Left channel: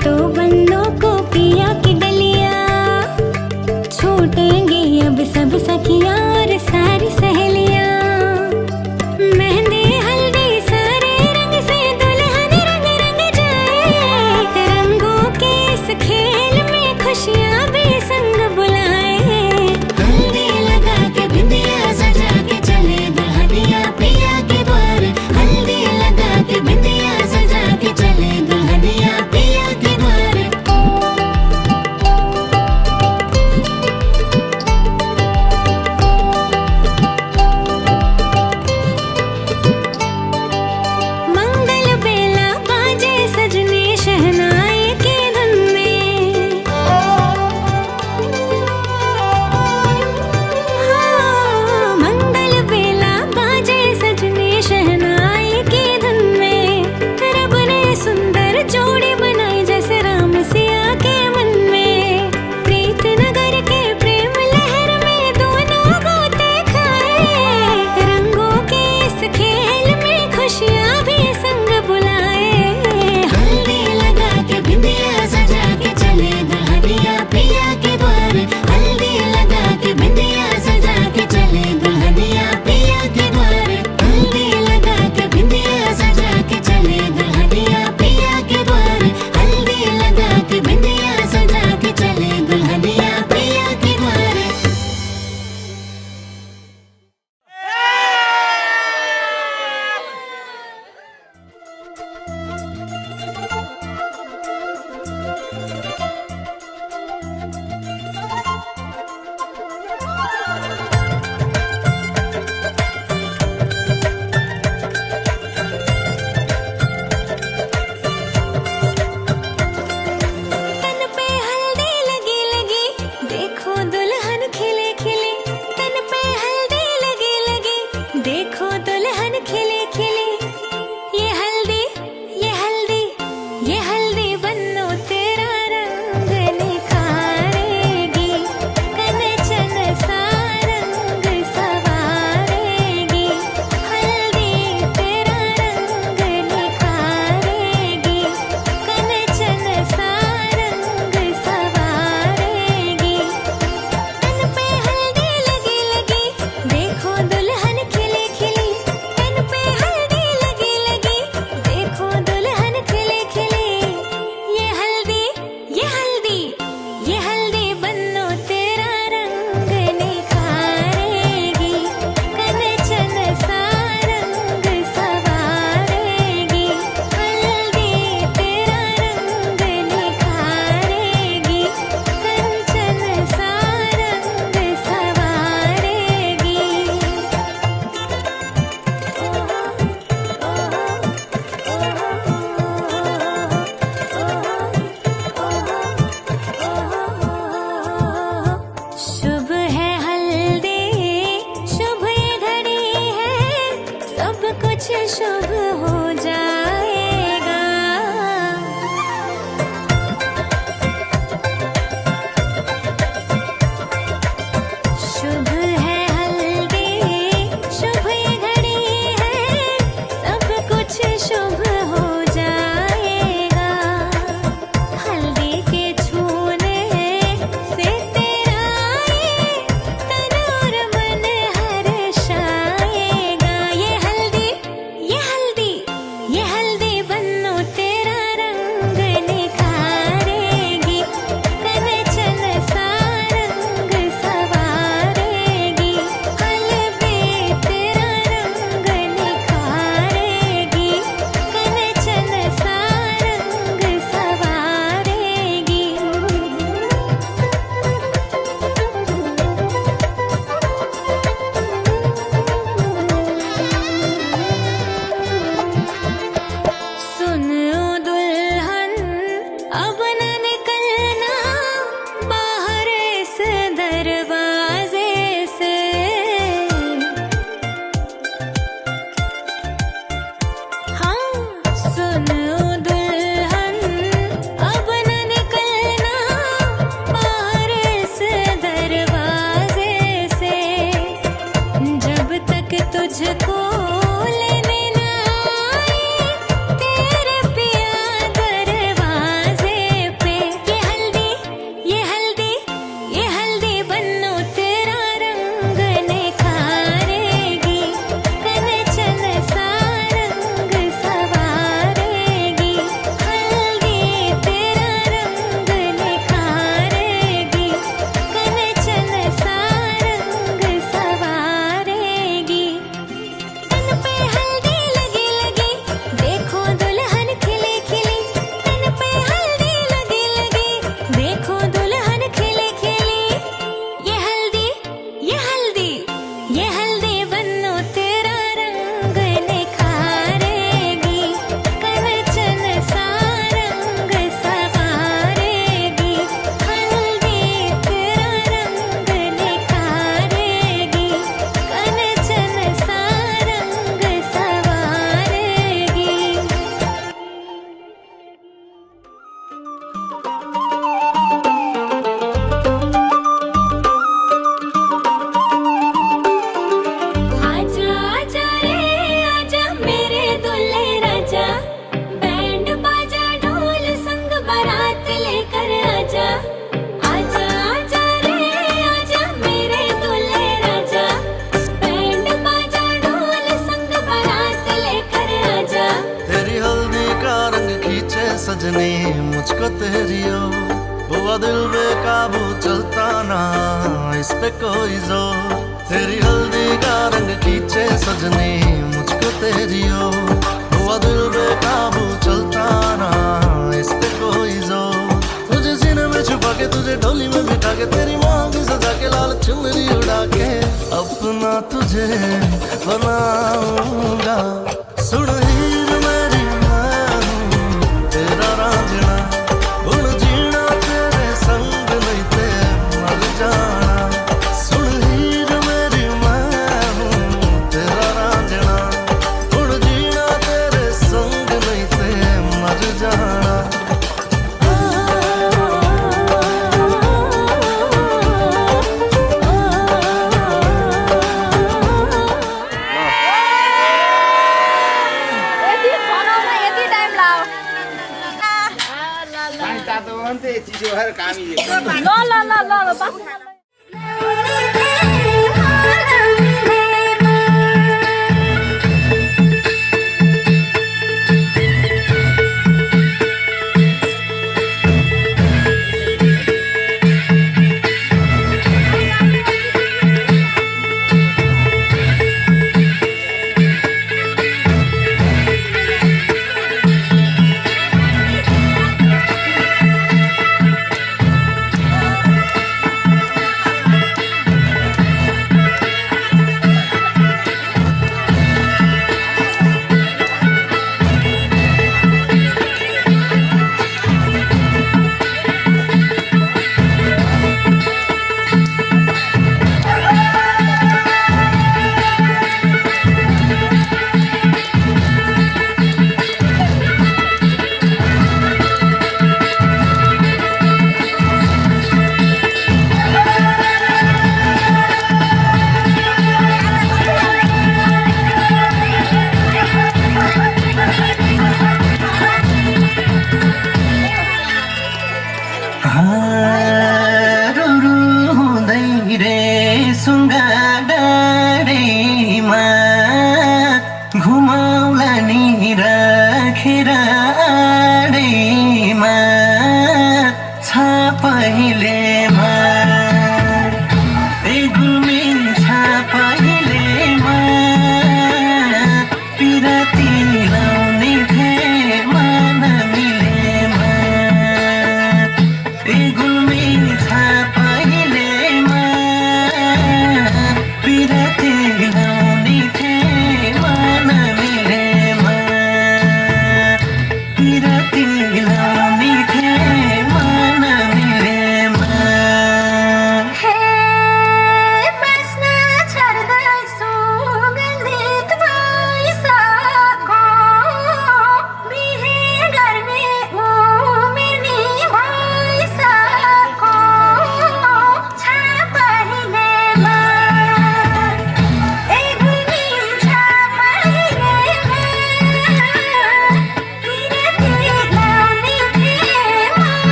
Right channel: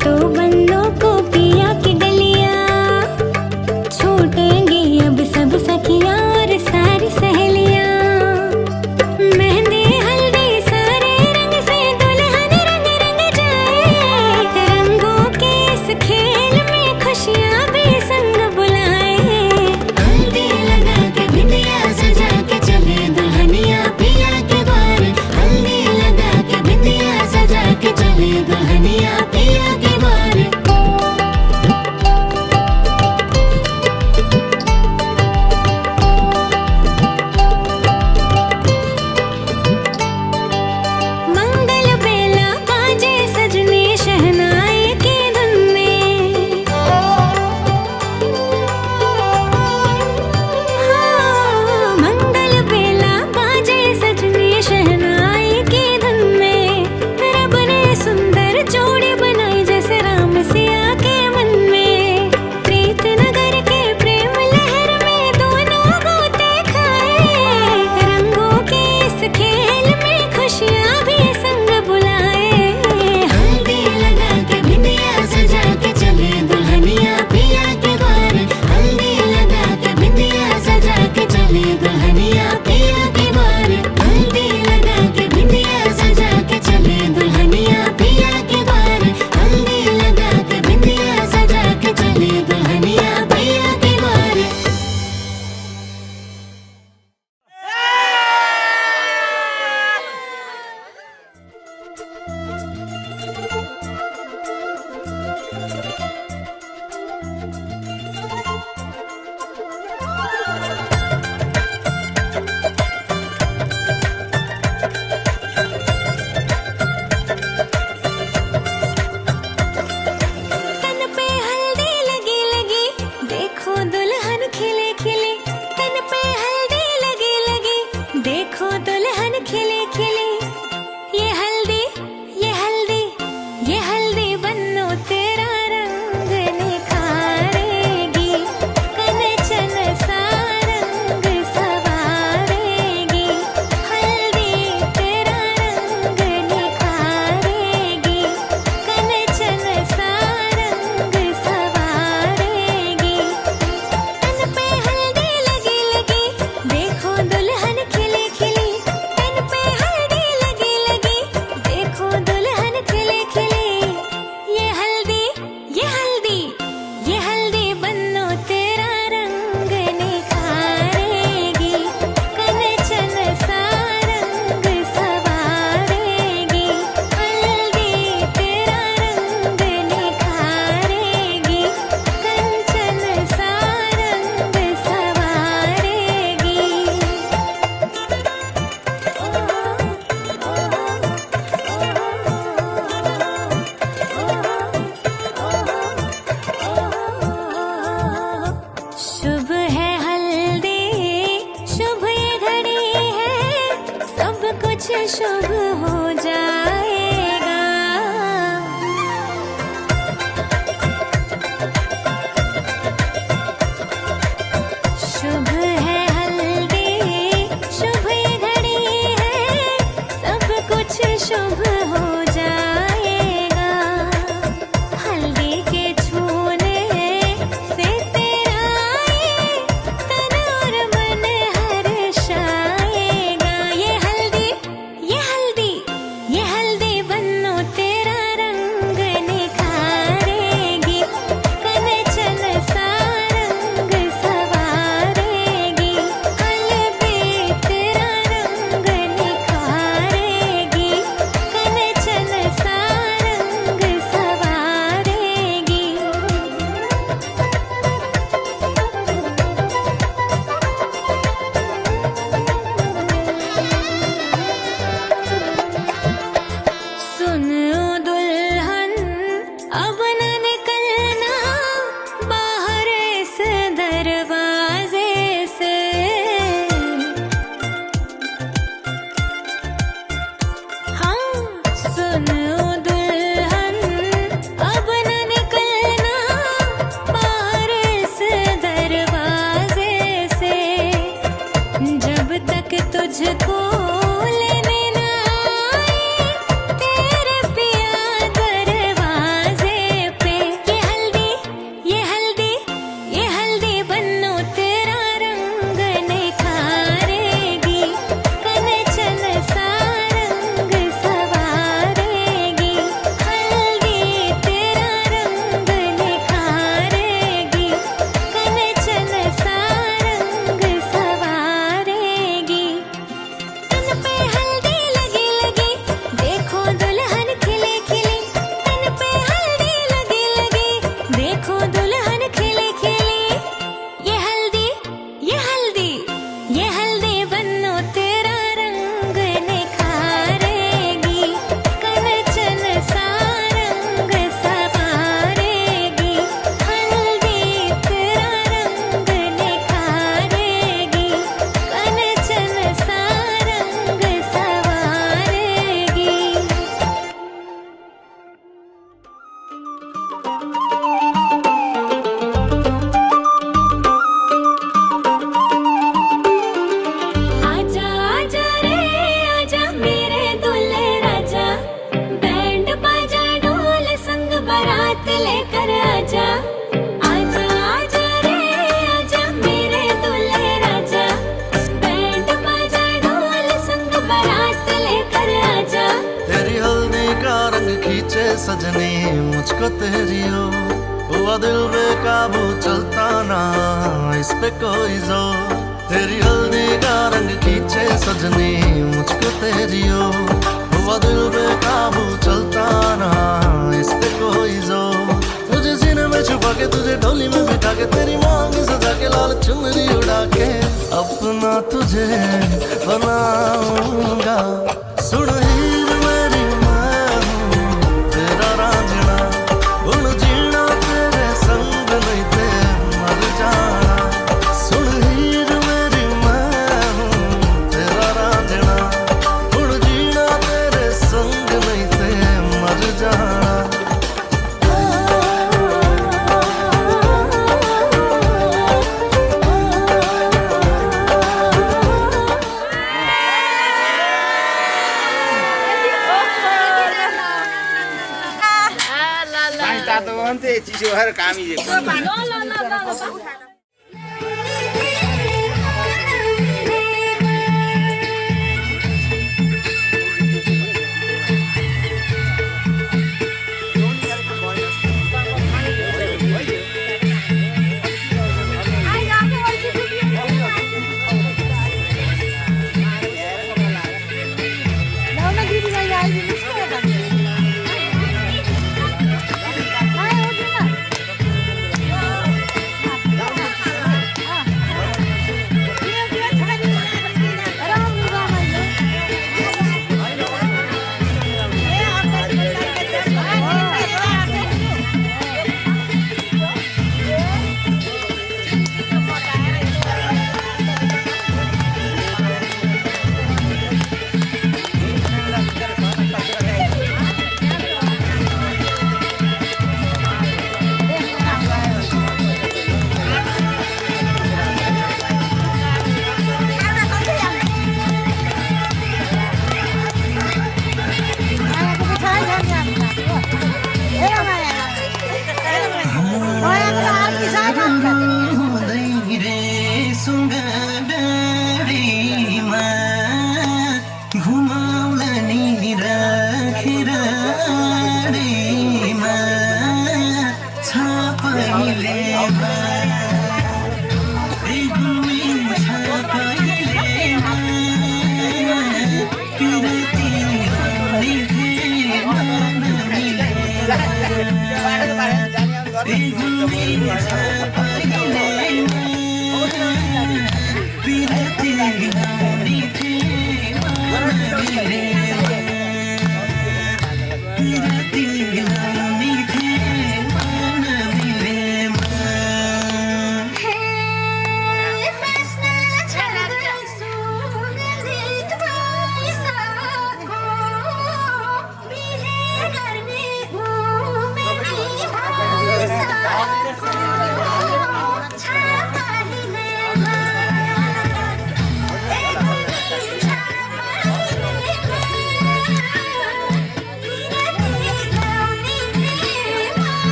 तो बंदों को पिया की गलियां, छूटेंगी अब सब सखियां और सारी सहेलियां। मेहंदी हल्दी सारे रंग से दुल्हन रंग रंग जाए, रंगों के इस खेल में खुशियां भी संग बुलाए। हल्दी लगा के बिंदिया सजा के चले दुल्हनिया पिया के द्वार, हल्दी लगा के बिंदिया सजा के चले दुल्हनिया पिया के शुभ हो जाएगा। शुभ है हल्दी, शुभ ये घड़ी है, सब कुछ शुभ हो जाएगा। हल्दी के छूने से तेरा ये तन और मन हर्षाएगा। ये हल्दी, ये हल्दी, ये हल्दी कि तुझको लेने ना आई तेरे पिया दरवाजे पे। ये हल्दी ये हल्दी ये हल्दी बन्नो तेरा रंग निखारेगी, कनचन सा रंग सवारेगी। हल्दी तेरा रंग निखारेगी, कनचन सा रंग सवारेगी। तन पे हल्दी लगी लगी देखो दुल्हन खिली खिली, तन पे हल्दी लगी लगी देखो दुल्हन खिली खिली। ये हल्दी ये हल्दी ये हल्दी बन्नो तेरा रंग निखारेगी, कनचन सा रंग सवारेगी। हल्दी तेरा रंग निखारेगी, कनचन सा रंग सवारेगी। आजा आजा रे आजा मेरे दुल्हे राजा, बैंड बाजा ढोल संग बारात लेकर आजा। आजा आजा रे आजा मेरे दुल्हे राजा, बैंड बाजा ढोल संग बारात लेकर आजा। तेरी हल्दी का रंग खींचे सजनी मुझको तेरी ओर, हुआ दिल बेकाबू चलता ना इस पे कोई जोर। तेरी हल्दी का रंग खींचे सजनी मुझको तेरी ओर, हुआ दिल बेकाबू चलता ना इस पे कोई जोर। तुझे सीने में छुपा के तुझे डोली में बिठा के तेरी मांग सजा के लाल चुनरी उड़ा के अपना तुझे बनाऊंगा। सुन हीर मेरी मैं हूँ तेरा रांझना, उन जीना तेरे संग नहीं ते मर जाना। सुन हीर मेरी मैं हूँ तेरा रांझना, उन जीना तेरे संग नहीं ते मर जाना। पानी तातो हो नि त चिसो भएर कामी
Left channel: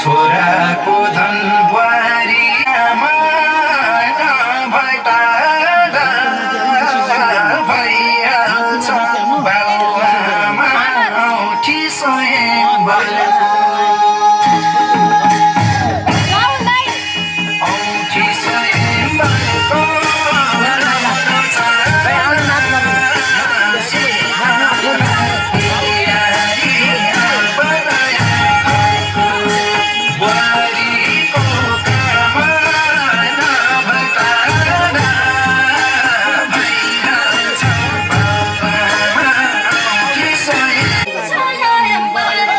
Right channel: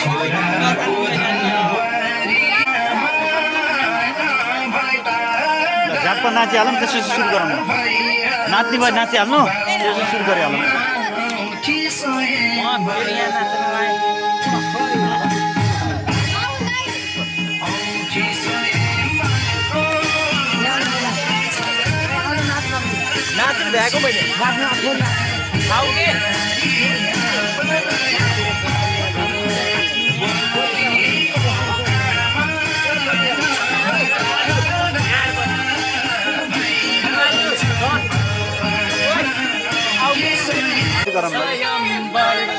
छोराको धन बुहारी आमा नभए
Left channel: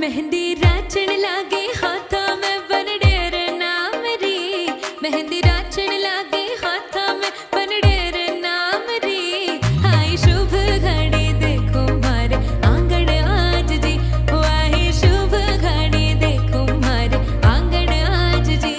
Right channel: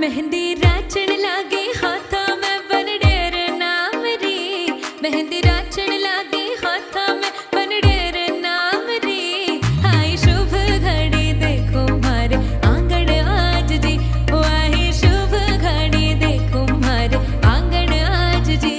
मेहंदी राचण लागे हाथा में बनडेर नाम री मेहंदी राचण लागे हाथा में बनडेर नाम री आई शुभ घड़ी देखो मारे आंगन आज जी ओ आई शुभ घड़ी देखो मारे आंगन आज जी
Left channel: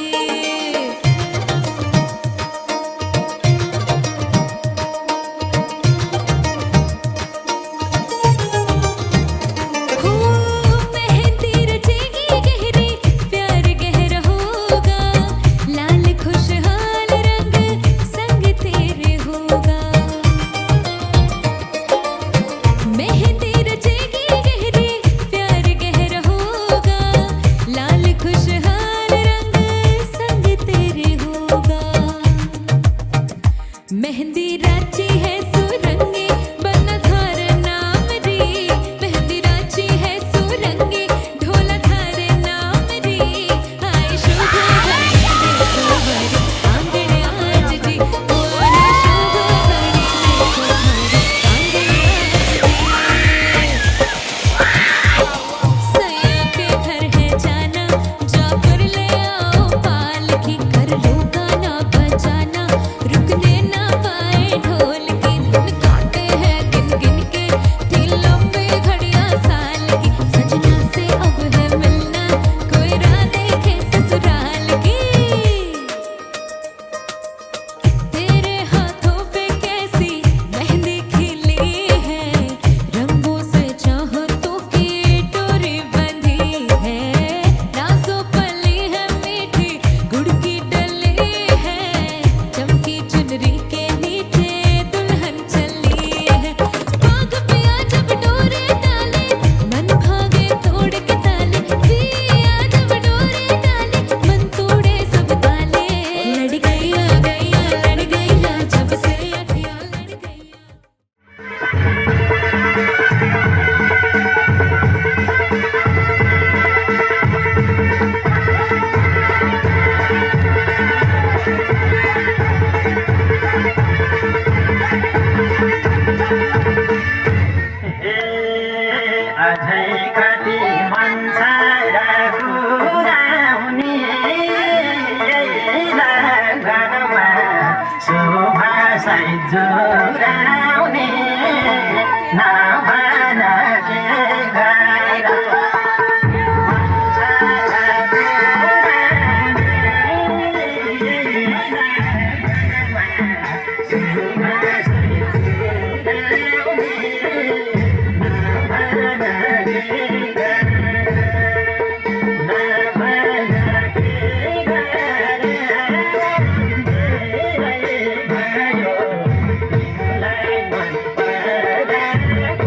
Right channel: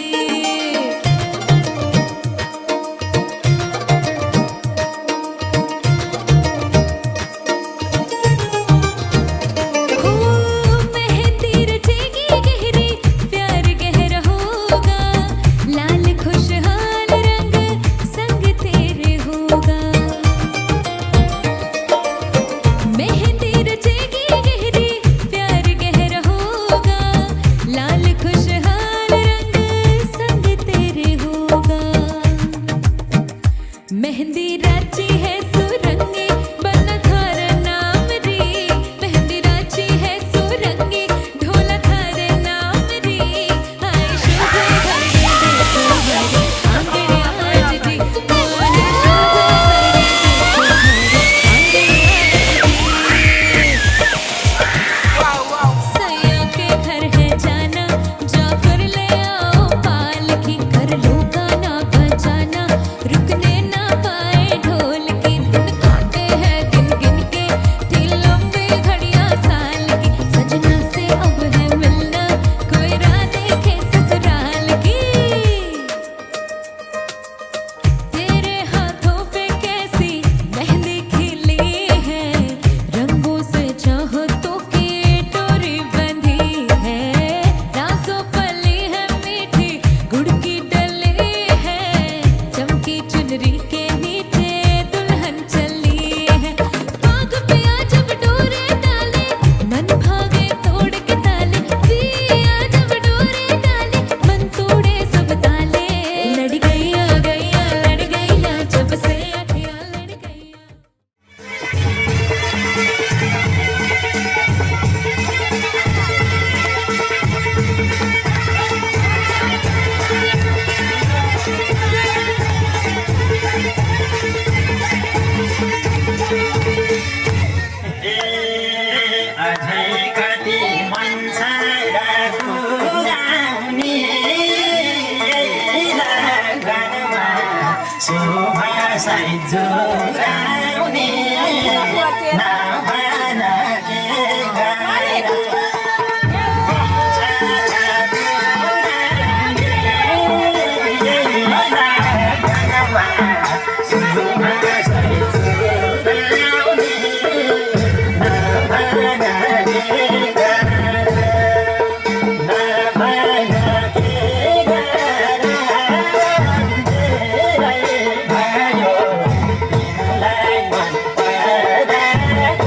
मेहंदी राची है सुरंगी बना थार नाम री मेहंदी राची है सुरंगी ढोला थार नाम री आई शुभ घड़ी देखो हमारे आंगन आज जी ओ आई शुभ घड़ी देखो हमारे आंगन आज जी सैया के घर है जाना जाकर ले आओ पालकी कर लो गाना बजाना रुकने ना पाए ढोल के दिन काटे हैं गिन गिन के थी लंबी घड़ियां साल की सजना से अब है मिलना कोई राह देखे ससुराल की तेरे हाथों पे कैसी मेहंदी खिली है रंगों से चाहतों की डोरी बंधी है राजों पली है मीठी गुड़ की डली है चमकी चुनरी के नीचे दुल्हन चली है भाग पिया जब डोरे डाले मन भागे तोड़ के ताले पिया जब डोरे डाले मन तोड़े सब ताले लड़ गईया लड़ गईया जब से अखियां लड़ गईया अझै कति मन्छरा गुराउने घरमा शोभा सहित जोराउने नभन के गारा मन्छरा गुराउने घरमा शोभा सहित जोराउने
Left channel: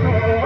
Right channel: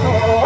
Oh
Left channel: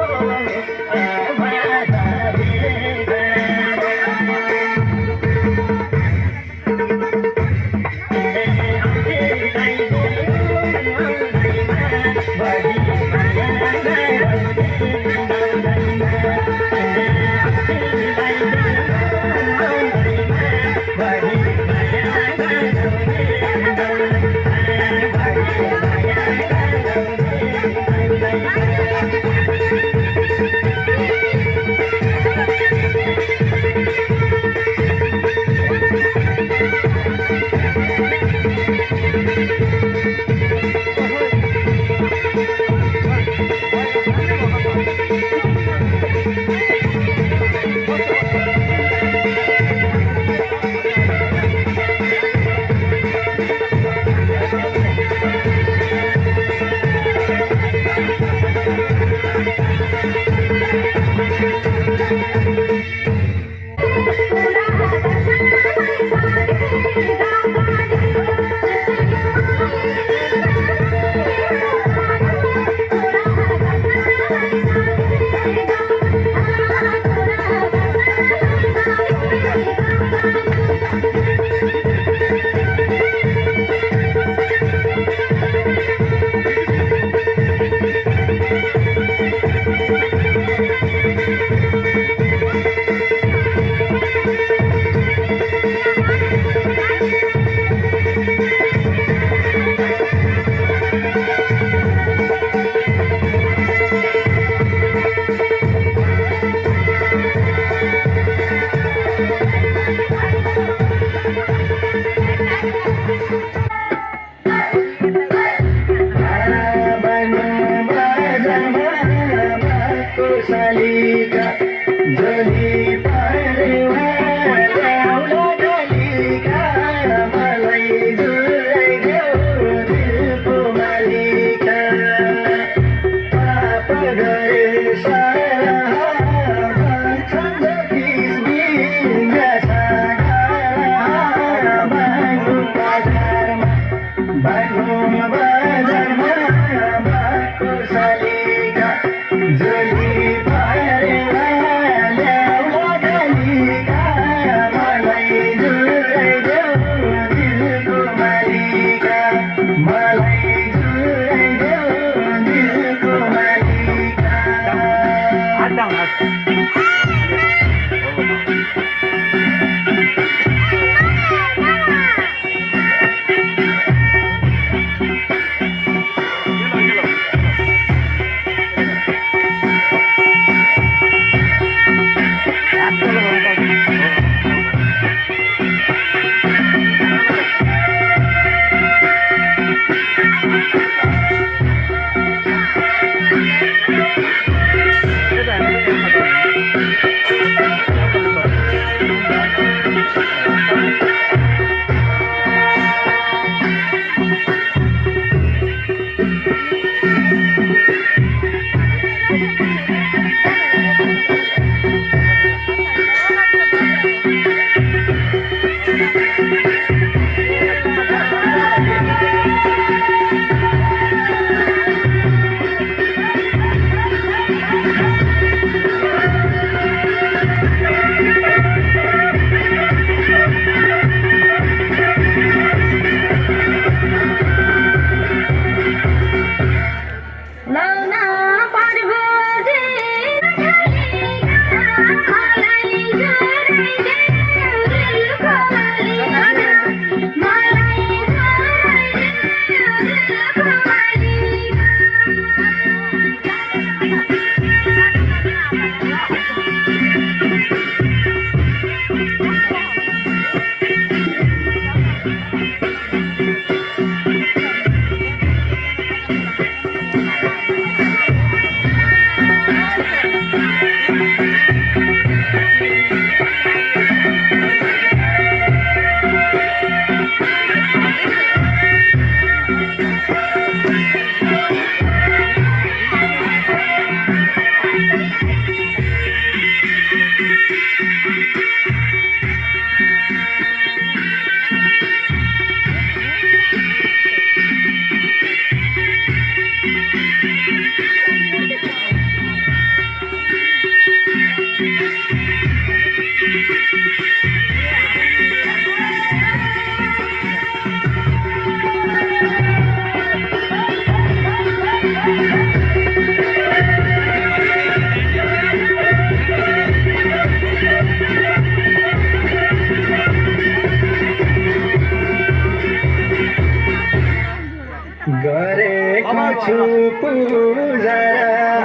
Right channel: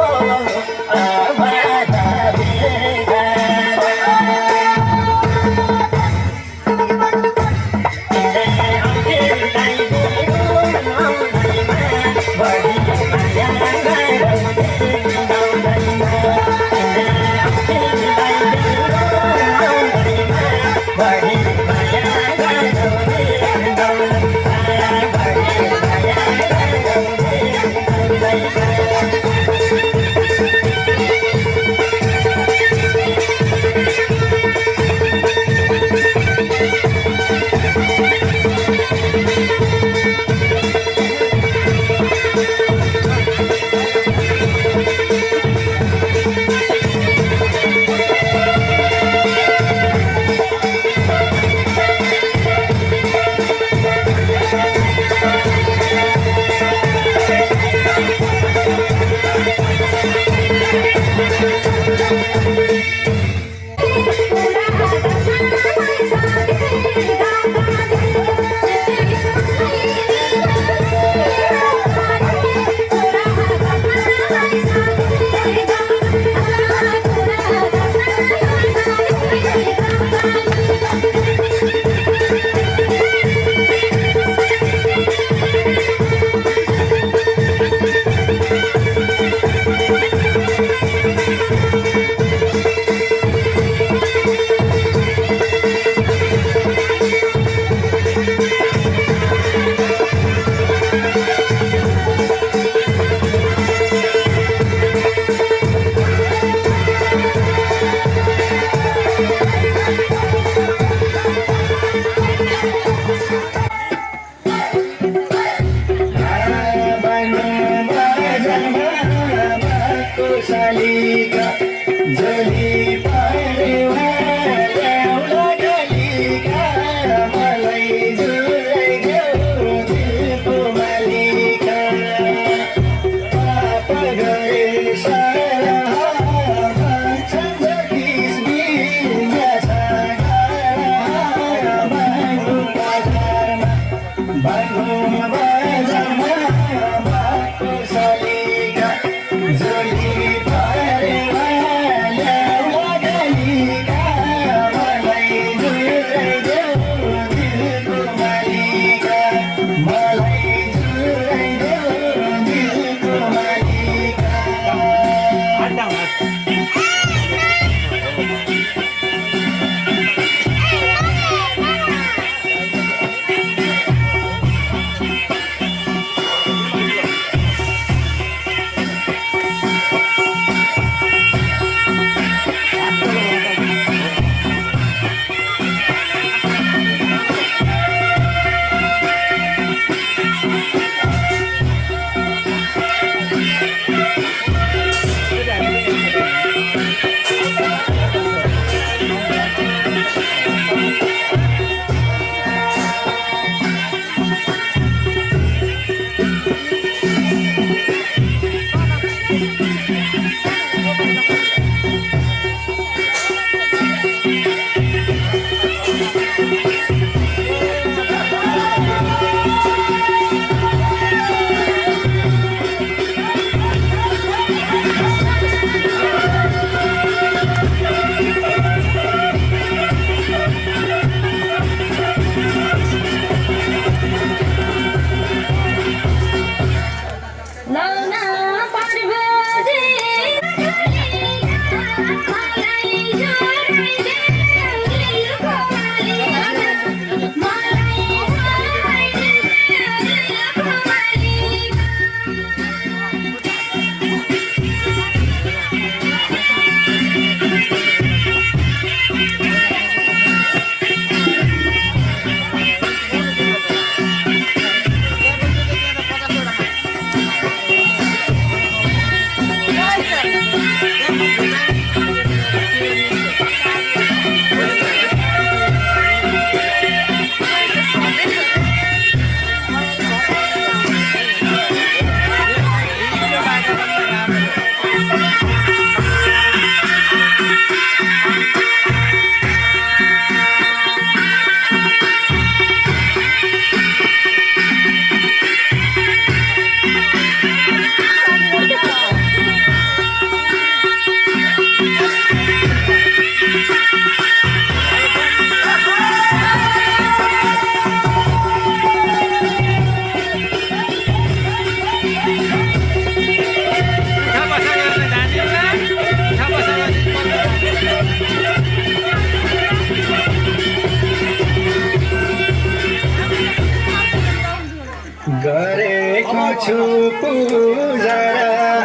गरेको छु पूजा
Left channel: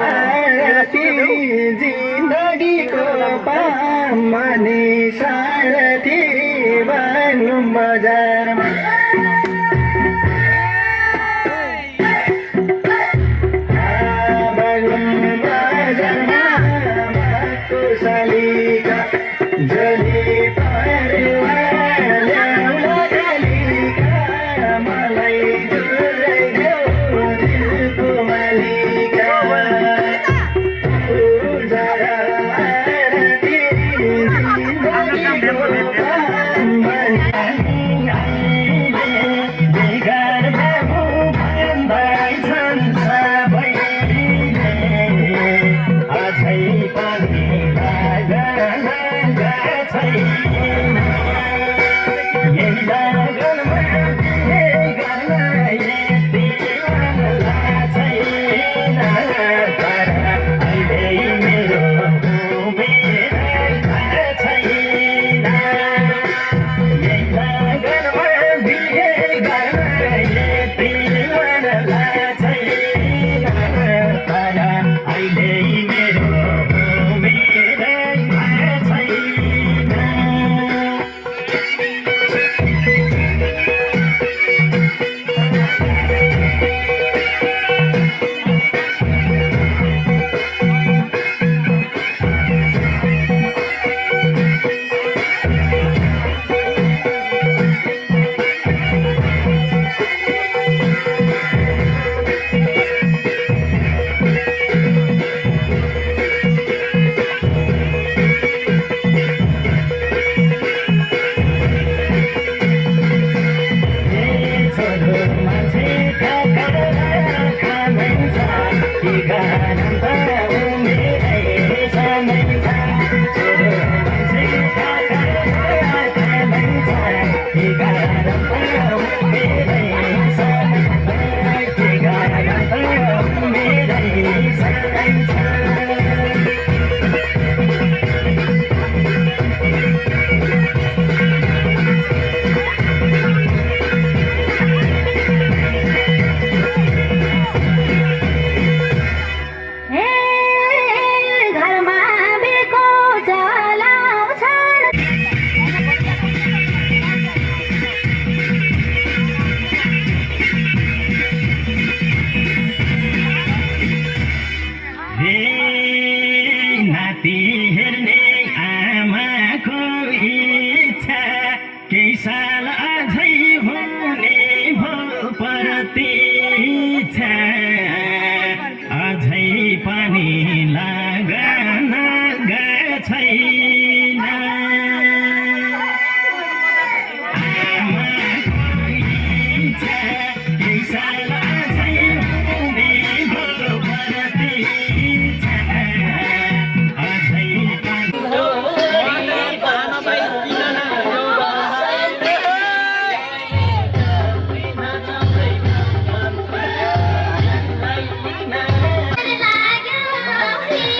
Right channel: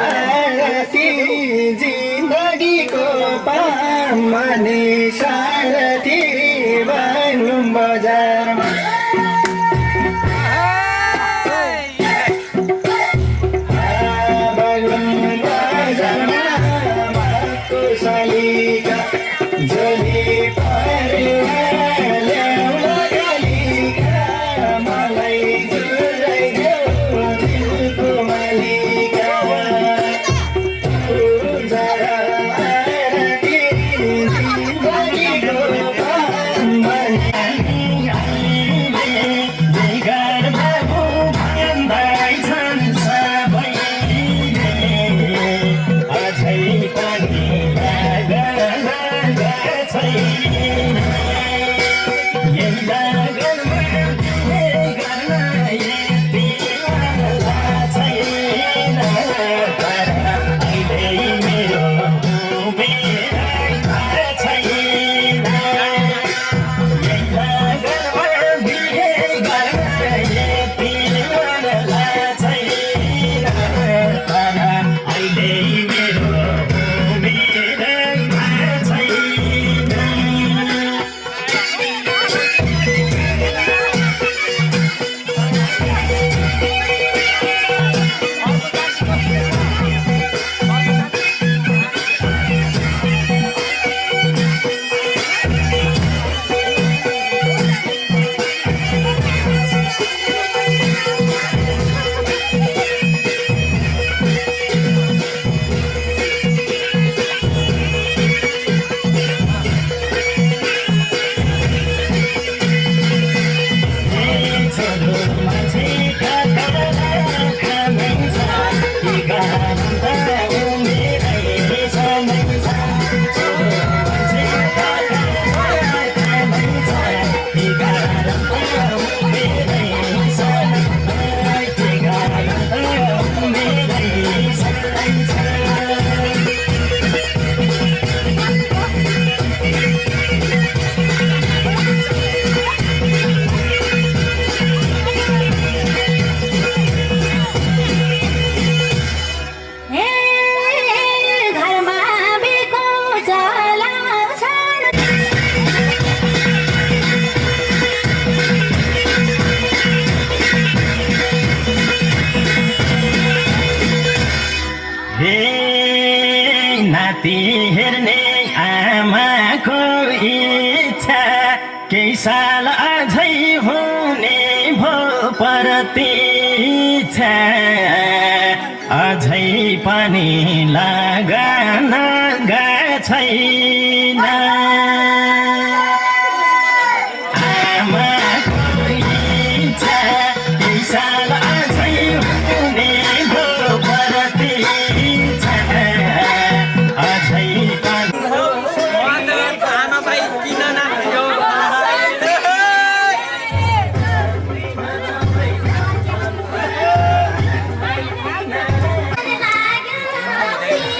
आरती जिन्दगीको पामनी सारथी बाग्लुङ बजारमा बाग्लुङ बजारमा कुशलीका जली परेवा ल्याउला कालिका मलाई जुराइदेऊ दिलको मालिका पूजा आरती जिन्दगीको बेगर बाबु भन्दैछन् सबैले अझै पनि लगन छैन यही लगनमा बिहे गर्न यति वाला छैन तर अहिले मेरो उमेर छैन यही लगनमा बिहे गर्न यति वाला छैन तर अहिले मेरो उमेर छैन घरमा बेको चलाउँछन् हे नाति हेर्ने आमाको इच्छा केही साल अझै हुने भो प्रतीक्षा अझै पनि लगन छैन आमाको इच्छा केही साल अझै हुने भो प्रतीक्षा अझै पनि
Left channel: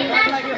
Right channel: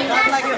लाग्यो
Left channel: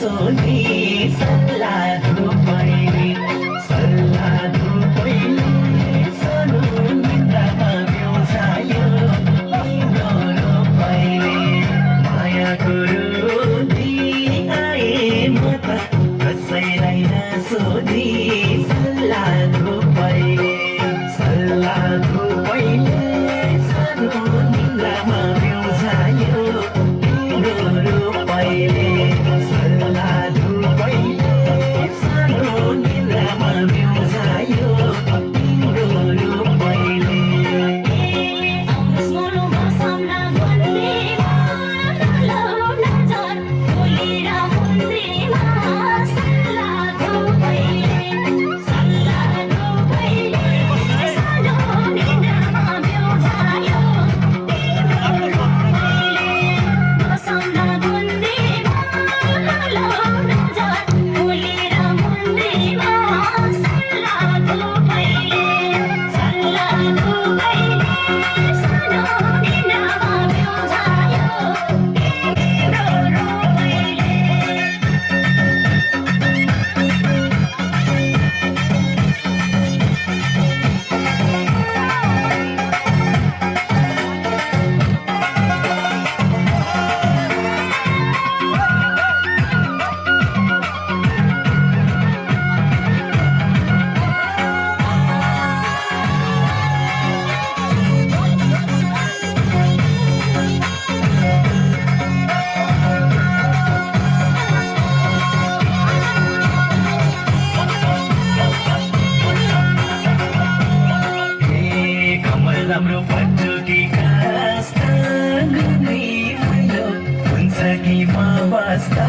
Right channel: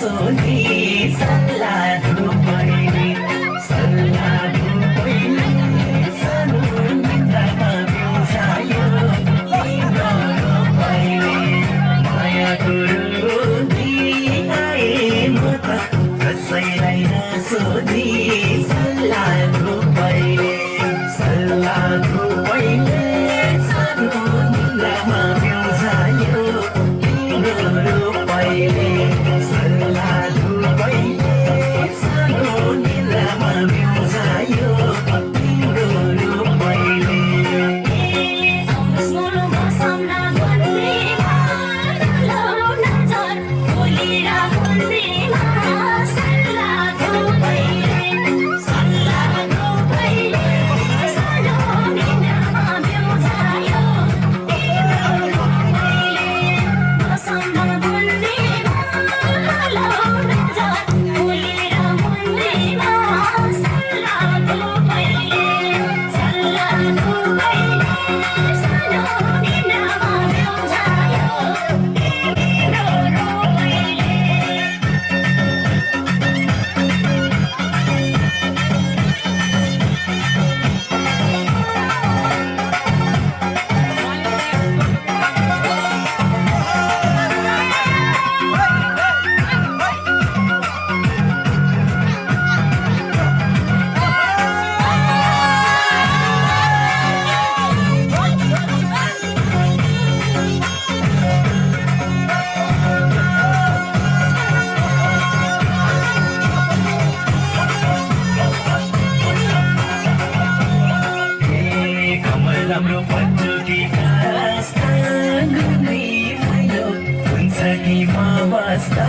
सोधी सल्लाह पहिले सल्लाह पहिले सानो निद्रामा बिउजायो तिम्रो पहिले माया गुरु दिए म त कसैलाई नसोधी सल्लाह पहिले सल्लाह पहिले सानो निद्रामा बिउजायो तिम्रो पहिले सल्लाह पहिले सानो निद्रामा बिउजायो तिम्रो पहिले राम्रो पटुकी कास्ता गुन्दै भयो हुन्छ कि म बस्दा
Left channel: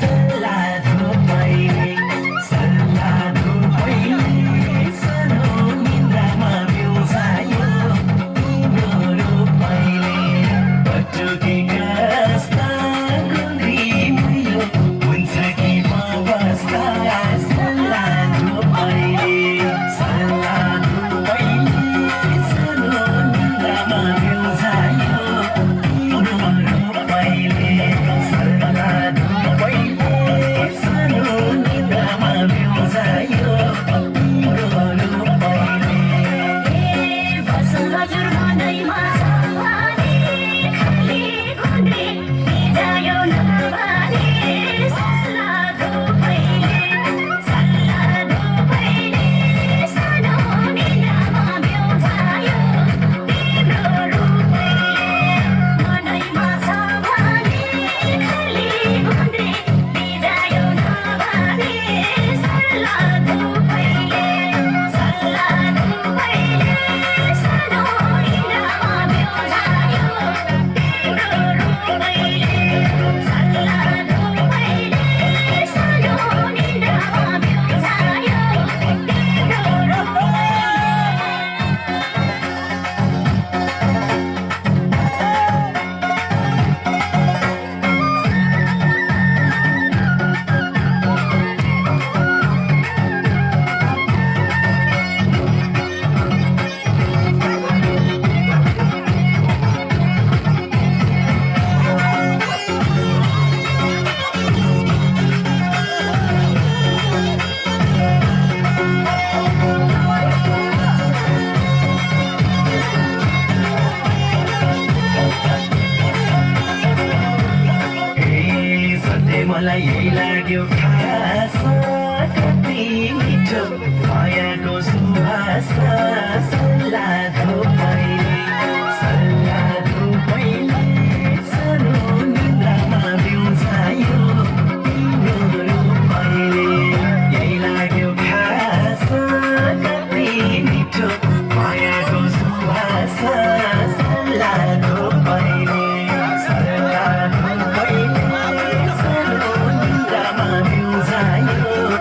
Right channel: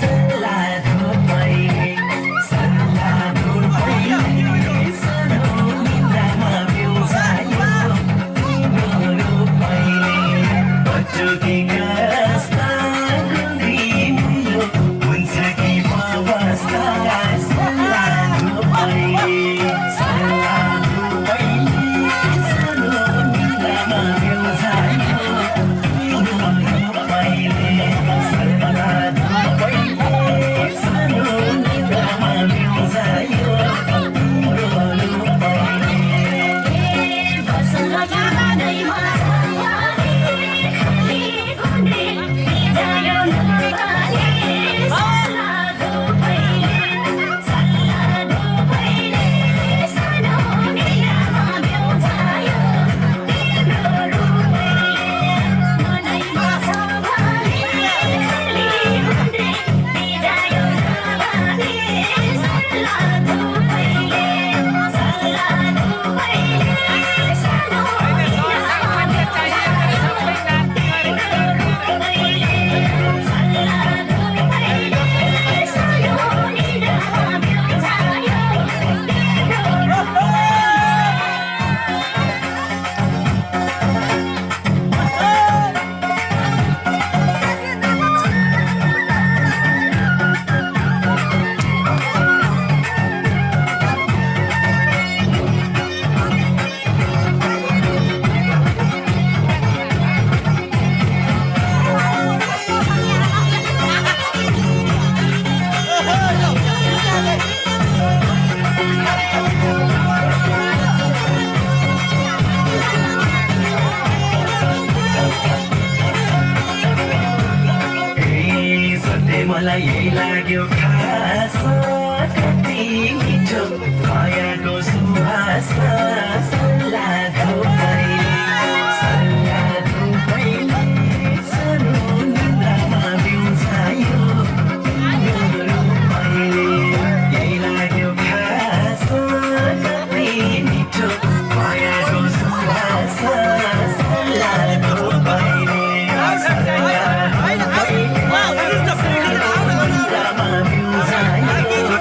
सल्लाह पहिले सल्लाह पहिले सानो निद्रामा बिउजायो तिम्रो पहिले पटुकी कास्ता गुन्दै भयो हुन्छ कि म बस्दा सल्लाह पहिले सल्लाह पहिले सानो निद्रामा बिउजायो तिम्रो पहिले सल्लाह पहिले सानो निद्रामा बिउजायो तिम्रो पहिले मलाई यही लाग्यो खास कति मिठो मायाको सुवास सल्लाह पहिले सानो निद्रामा बिउजायो तिम्रो पहिले यही लाग्यो खास कति मिठो मायाको सुवास सल्लाह पहिले सल्लाह पहिले सानो निद्रामा बिउजायो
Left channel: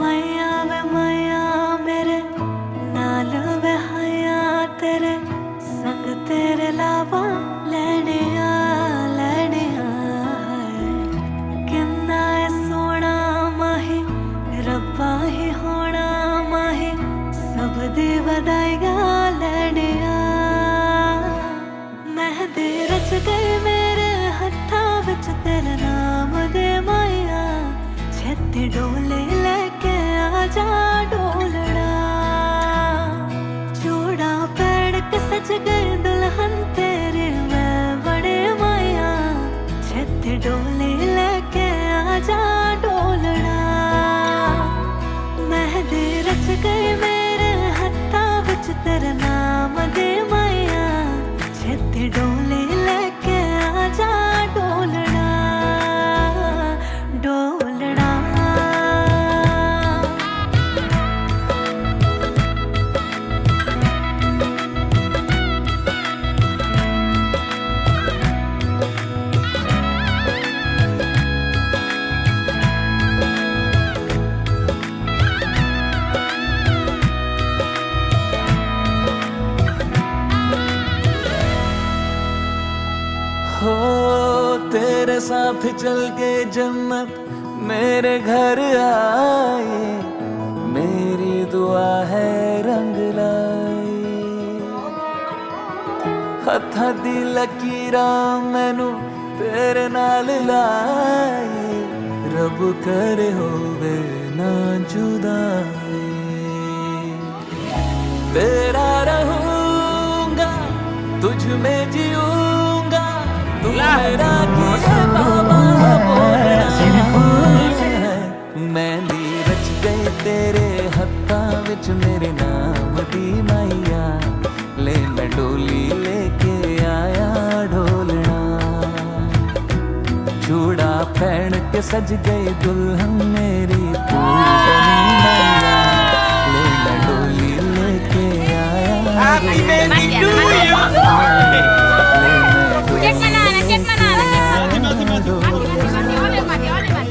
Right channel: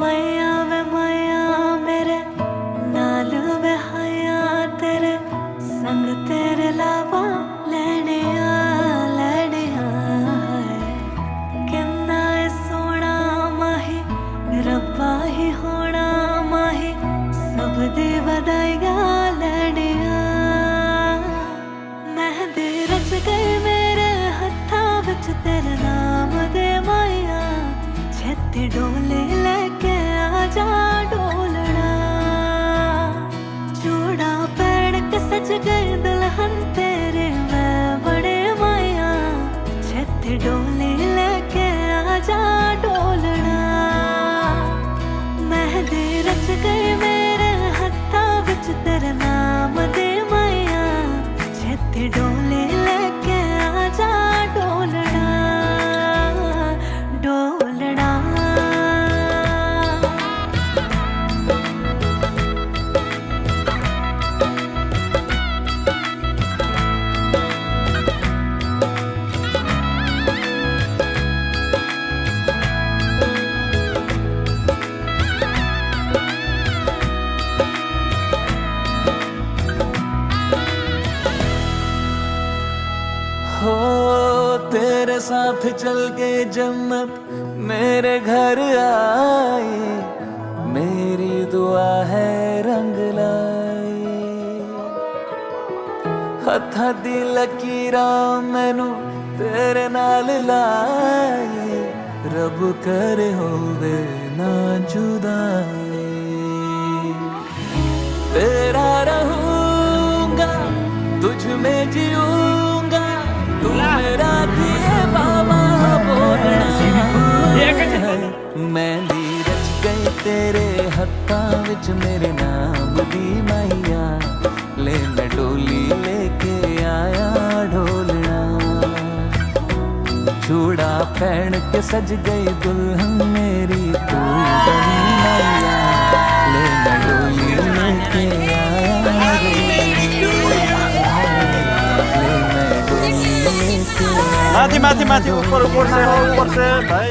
मैया वे मैया मेरे नाल वे हया तेरे संग तेरे लावा लेने आ है किन्ना है सोना माही रब्बा ही होना माही सब दी बधाइया लेने आ मेहंदी रच गई मेरे हत्था विच तेरे नाम दे माया छेती डोले लेके आजा डोलना चूड़ा पहन के सज गई दुल्हन तेरे मैं बड़े माया छेती डोले लेके आजा डोलना मेहंदी रच गई मेरे हत्था विच तेरे नाम दे माया छेती डोले लेके आजा डोलना डोलना हो तेरे साथ चल के जन्नत मेरे घर आए मेरी दुआ है रंग लाए हथा दी लकीरा मैनू तेरे नाल लाए रब करे होवे ना जुदाई तेरा रहूंगा तुझ में जीऊंगा तू मेरा किए बाबा बोलना है मेहंदी रच गई तेरे हत्था विच मेरे नाम दी माइया ले मैं डोली लेके आया ढोलना चूड़ा पहन के सज गई दुल्हन मेरी तू बनी माइया ले मैं डोली लेके आया ढोलना ले मैं डोली लेके आया माथि ऊपर से भाई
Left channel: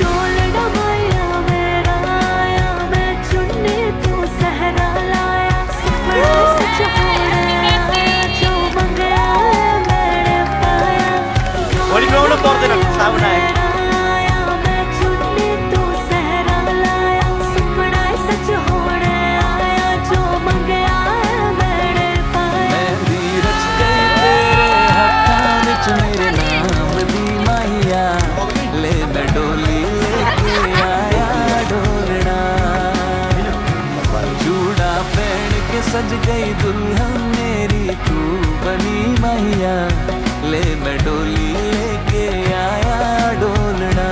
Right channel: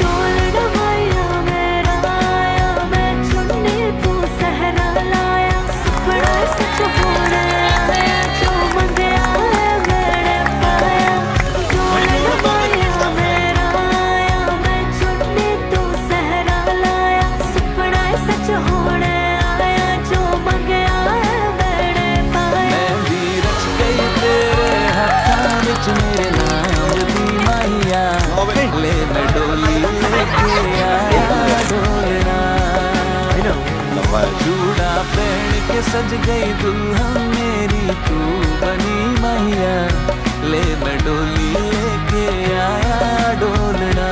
डोलना माया मेरा आया मैं चुन्नी तू सहरा लाया सुपड़ा सच होने आया जो मंगया है मैंने पाया डोलना माया मेरा आया मैं चुन्नी तू सहरा लाया सुपड़ा सच होने आया जो मंगया है मैंने पाया मेहंदी रच गई तेरे हत्था विच मेरे नाम दी माइया ले मैं डोली लेके आया ढोलना चूड़ा पहन के सज गई दुल्हन मेरी तू बनी माइया ले मैं डोली लेके आया डोलना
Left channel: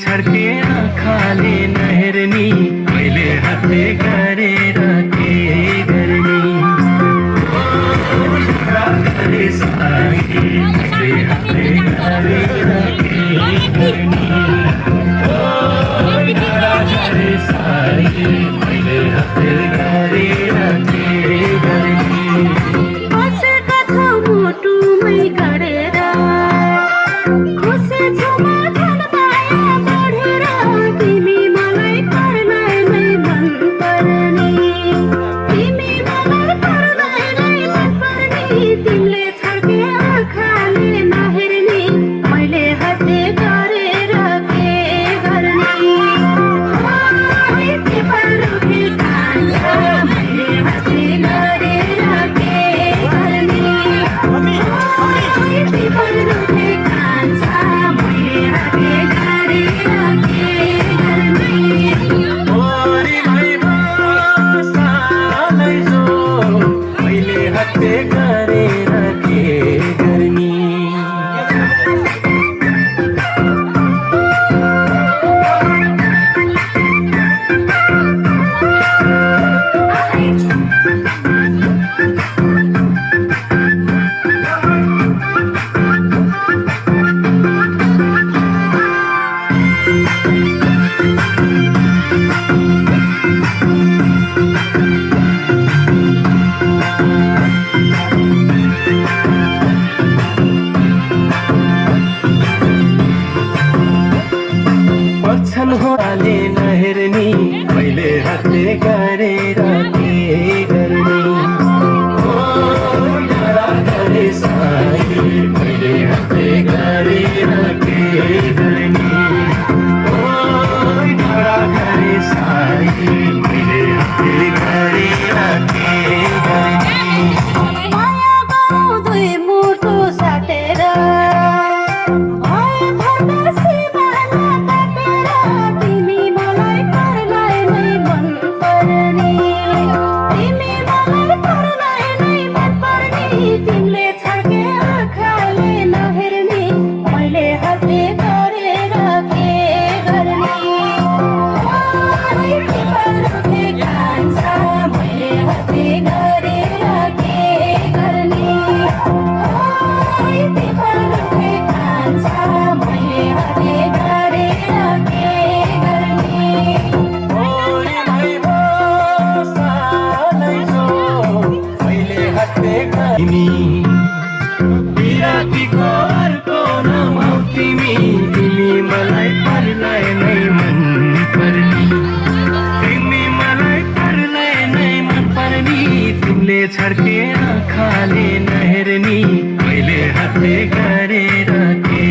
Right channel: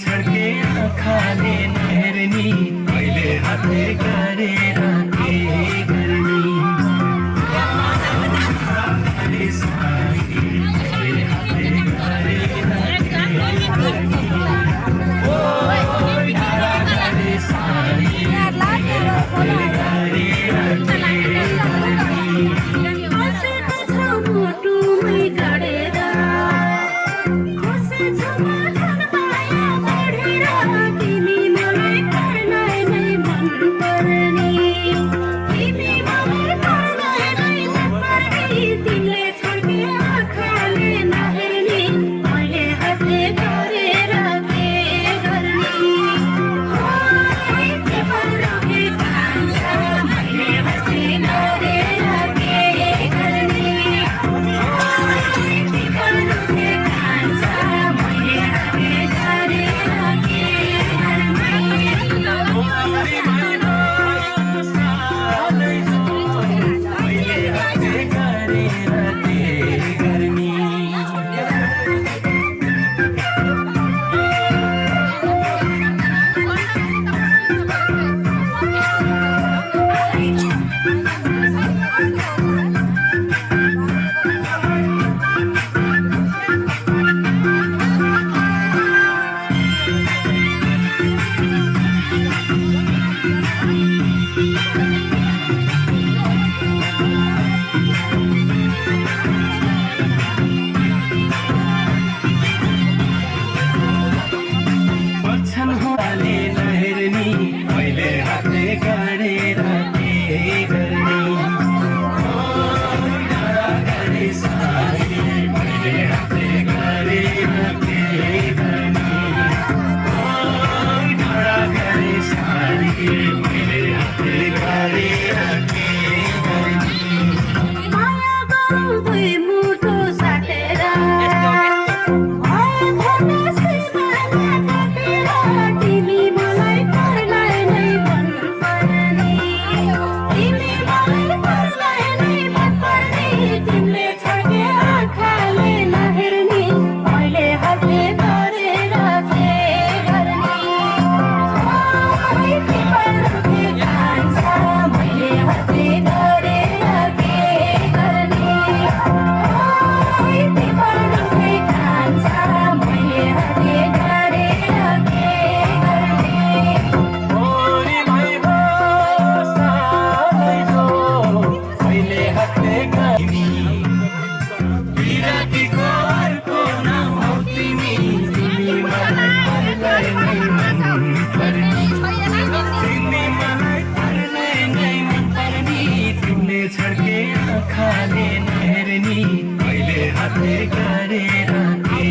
छर्के खाले नहरनी मैले हातले गरेर के गर्ने हातले हातले गरेर के गर्ने मैले हातले गरेर के गर्ने बसेका छ मुटुमै गडेर खुसी छु म धन माया बढेर तिमी वचन हो हाले नहेर्नी मैले हातले गरेर के गर्ने डाँडा गरे साथी मैले हातले गरेर के गर्ने डाँडा गरे साथी मैले हातले गरेर के गर्ने माया गाउँ दुई मुटु साटेर तिमी मलाई पर्लाई नै मन पर्ने तिमी मलाई पर्लाई नै मन पर्ने तिमीले छड्के आँखाले नहेर्ने मैले हातले गरेर के गर्ने कान्छ मैले हातले गरेर के गर्ने कान्छ मैले हातले गरेर के गर्ने ओरी भाइ हो सालै जो मैले हातले गर्ने विरातीको अर्को नाम हौ तिमी तिमी मलाई पर्लाई नै मन पर्ने तिमी मलाई पर्लाई नै मन पर्ने तिमीले छड्के आँखाले नहेर्नी मैले हातले गरेर के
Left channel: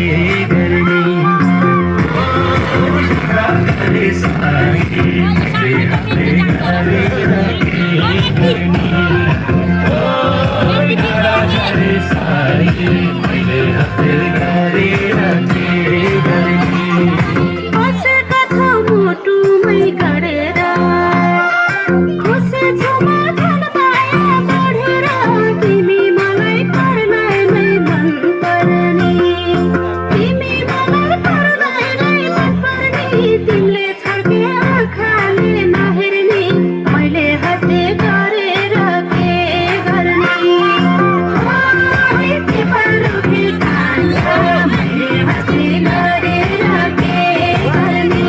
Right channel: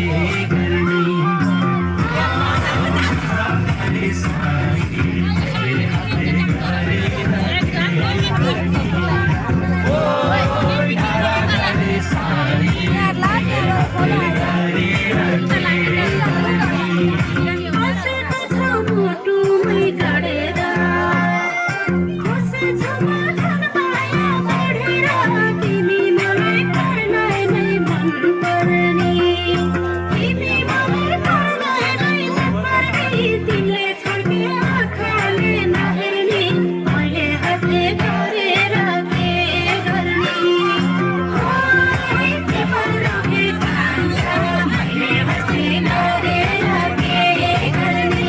गर्ने गरे साथी मैले हातले गरेर के गर्ने डाँडा गरे साथी मैले हातले गरेर के गर्ने बसेका छौ मुटुमै गढेर खुसी छु म झन् माया बढेर तिमी मलाई पर्लाई नै मन पर्ने तिमी मलाई पर्लाई नै मन पर्ने तिमीले छड्के आँखाले नहेर्ने मैले हातले गरेर के गर्ने कान्छ मैले हातले गरेर के गर्ने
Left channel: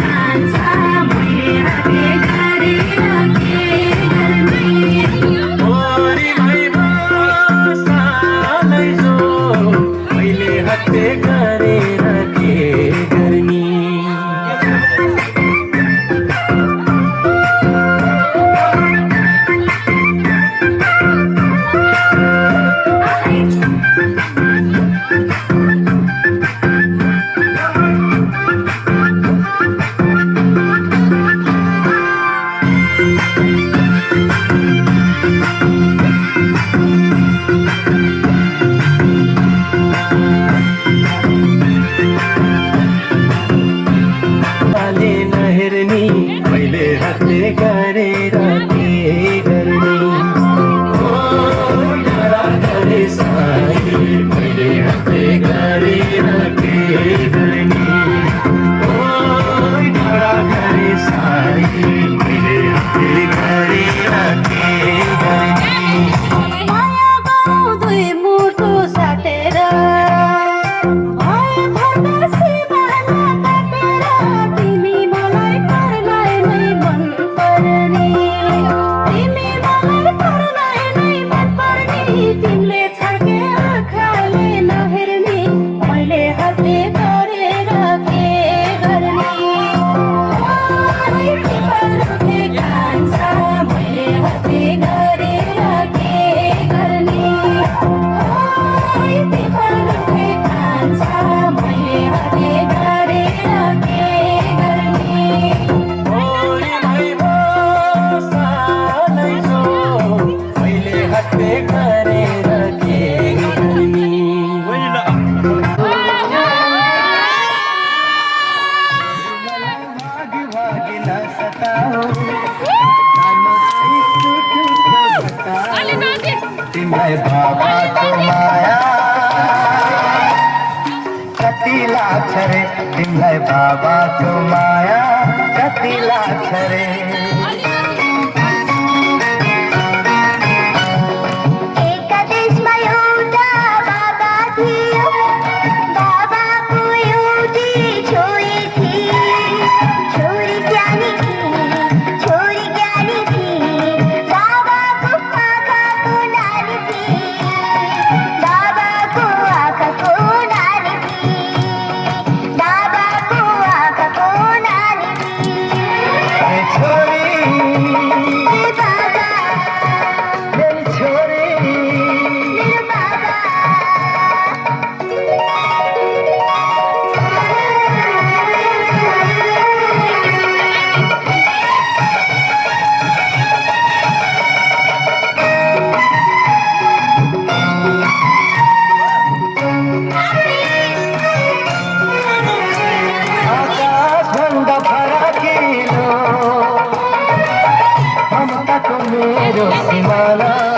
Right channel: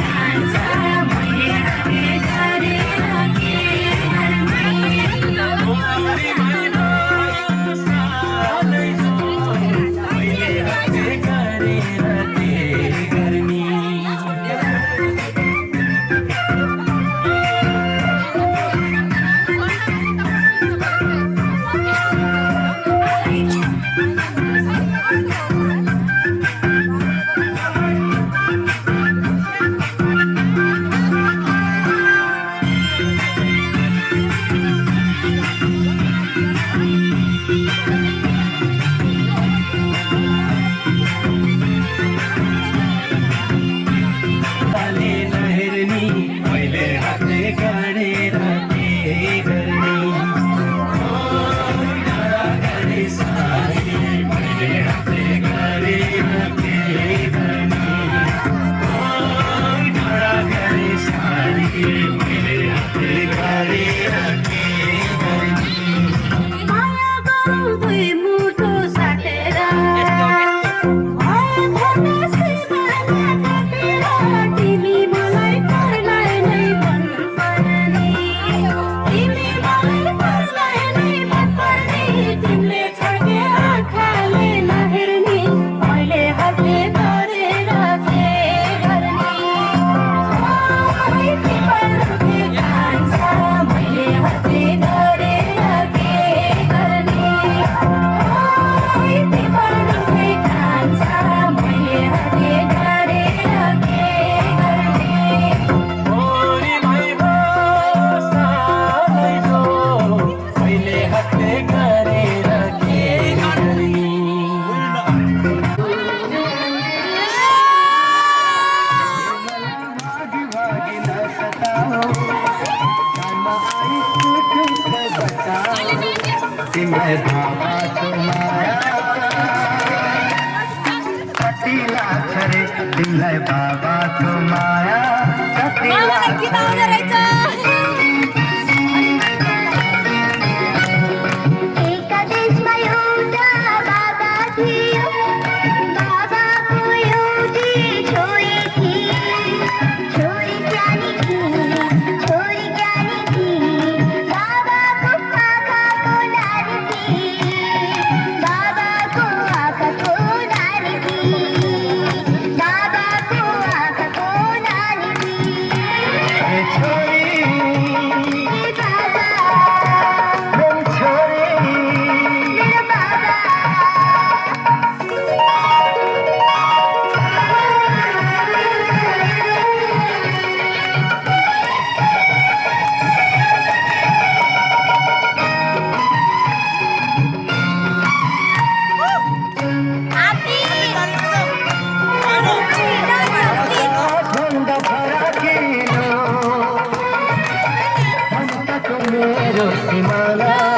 कान्छ मैले हातले गरेर के गर्ने ओरी भाइ हो सालै जो मैले हातले गरेर के गर्ने हाले नहेर्नी मैले हातले गरेर के गर्ने डाँडा गरे साथी मैले हातले गरेर के गर्ने डाँडा गरे साथी मैले हातले गरेर के गर्ने माया गाउँ दुई मुटु साटेर तिमी मलाई पर्लाई नै मन पर्ने तिमी मलाई पर्लाई नै मन पर्ने तिमीले छड्के आँखाले नहेर्ने मैले हातले गरेर के गर्ने कान्छ मैले हातले गरेर के गर्ने कान्छ मैले हातले गरेर के गर्ने ओरी भाइ हो सालै जो मैले हातले गरेर के गर्ने भागी नसताऊ तिमीलाई बाबाको माया कति लाग्छ रे तिमीलाई बाबाको माया कति लाग्छ रे एका देशमा एउटा बाबा थियो बाबाको एउटी छोरी थिए छोरी ज्ञानी थिए छोरी ज्ञानी थिए बाबाको आँखाको नानी थिए बाबाको आँखाको नानी थिए मेरो सिमाना